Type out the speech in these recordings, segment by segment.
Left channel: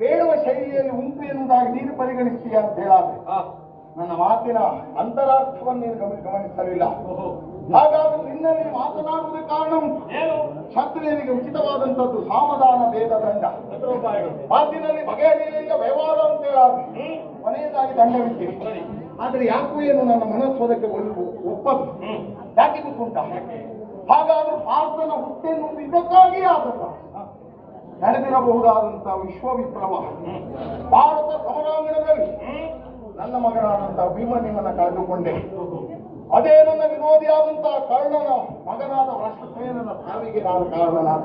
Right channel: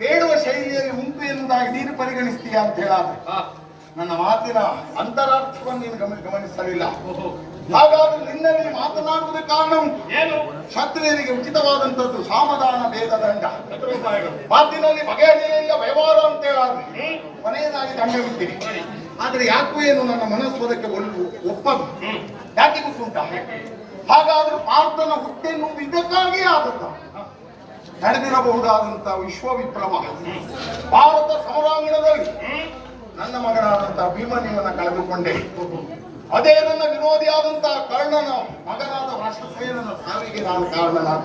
ಬೇಡುವ ಶೈಲಿಯಲ್ಲಿ ಉಂಟು ಎನ್ನುವುದಾಗಿ ನೀನು ಪರಿಗಣಿಸ್ತೀಯಾ ಅಂತ ಹೇಳಾದ್ರೆ ನನ್ನ ಮಾತಿನ ಅಂತರಾರ್ಥವನ್ನು ನೀನು ಗಮನಿಸಲಿಲ್ಲ. ಹಾಗಾದ್ರೆ ನಿನ್ನಲ್ಲಿ ಮಾತನಾಡುವುದಕ್ಕೆ ಕಾರಣ ಏನು? ಕ್ಷತ್ರಿಯರಿಗೆ ಉಚಿತವಾದಂತದ್ದು ಸಾಮದಾನ ಭೇದ ದಂಡ. ಮಾತಿನಲ್ಲಿ ಬಗೆಹರಿಯಲಿಲ್ಲ ವ್ಯವಹಾರ ಅಂತ ಹೇಳಾದ್ರೆ ಕೊನೆಯದಾಗಿ ದಂಡವಿದ್ದೀನಿ. ಆದ್ರೆ ಯಾಕೂ ಏನು ನನ್ನ ಮನಸ್ಸು ಅದಕ್ಕೆ ಒಪ್ಪದು. ಯಾಕೆ ಗೊತ್ತುಂಟ? ಹಾಗಾದ್ರೆ ಪಾರ್ಥನ ಹುಟ್ಟೆನ್ನುವುದು ಇದಕ್ಕಾಗಿಯೇ ಆದದ್ದ. ನಡೆದಿರಬಹುದಾದಂತಹ ವಿಶ್ವವಿಪ್ಲವ ಭಾರತ ಸಮರಾಂಗಣದಲ್ಲಿ ನನ್ನ ಮಗನಾದಂತಹ ಭೀಮನಿವನ್ನ ಕಳೆದುಕೊಂಡೆ. ಅದೇ ನನ್ನ ವಿರೋಧಿಯಾದಂತಹ ಕರ್ಣನ ಮಗನಾದ ರಾಷ್ಟ್ರಸೇನನ ಸಾವಿಗೆ ನಾನು ಕಾರಣನಾದ.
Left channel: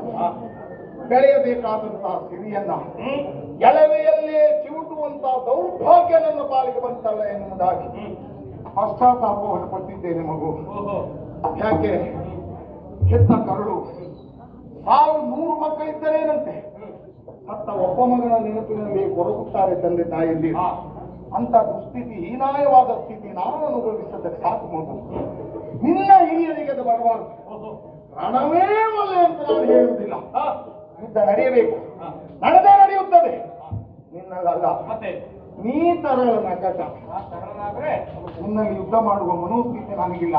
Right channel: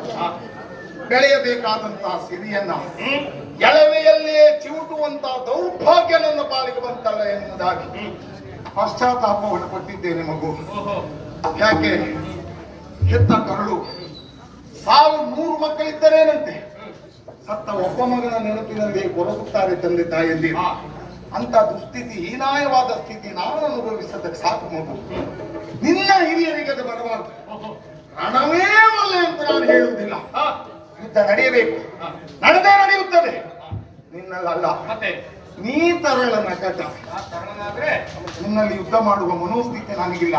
ಬೆಳೆಯಬೇಕಾದಂತಹ ಸಿರಿಯನ್ನ ಎಳವೆಯಲ್ಲಿಯೇ ಚಿವುಟುವಂತಹ ದೌರ್ಭಾಗ್ಯ ನನ್ನ ಪಾಲಿಗೆ ಬಂತಲ್ಲ ಎನ್ನುವುದಾಗಿ ಪಶ್ಚಾತ್ತಾಪವನ್ನು ಪಟ್ಟಿದ್ದೇನೆ ಮಗು. ಯಾಕೆ? ಹೆತ್ತ ಕರುಳು 1,100 ಮಕ್ಕಳಿದ್ದರೇನಂತೆ ಸತ್ತ ಒಬ್ಬ ಮಗನ ನೆನಪಿನಲ್ಲಿ ಕೊರಗುತ್ತಾರೆ ತಂದೆ ತಾಯಿಯಲ್ಲಿ. ಅಂತ ದುಸ್ಥಿತಿ, ಹೀನಾಯವಾದ ಸ್ಥಿತಿ ನಾನು ಅನುಭವಿಸೋದಕ್ಕೆ ಸಾಕು ಮಗು. ನಿನ್ನ ಹಿರಿಯರಿಗೆ ಅದು ಬರಬಾರದು. ರಣವೇ ಒಲ್ಲೆ ಅಂತ ನಾನು ಹೇಳುವುದಿಲ್ಲ. ಯುದ್ಧ ನಡೆಯಬೇಕು, ನಡೆಯುತ್ತದೆ. ನಿನ್ನಲ್ಲ, ನೀ ತರಳ ನಕಟ. ನಿನ್ನಲ್ಲಿ ಯುದ್ಧ ಮಾಡುವ ಮನೋಸ್ಥಿತಿ ನನಗಿಲ್ಲ.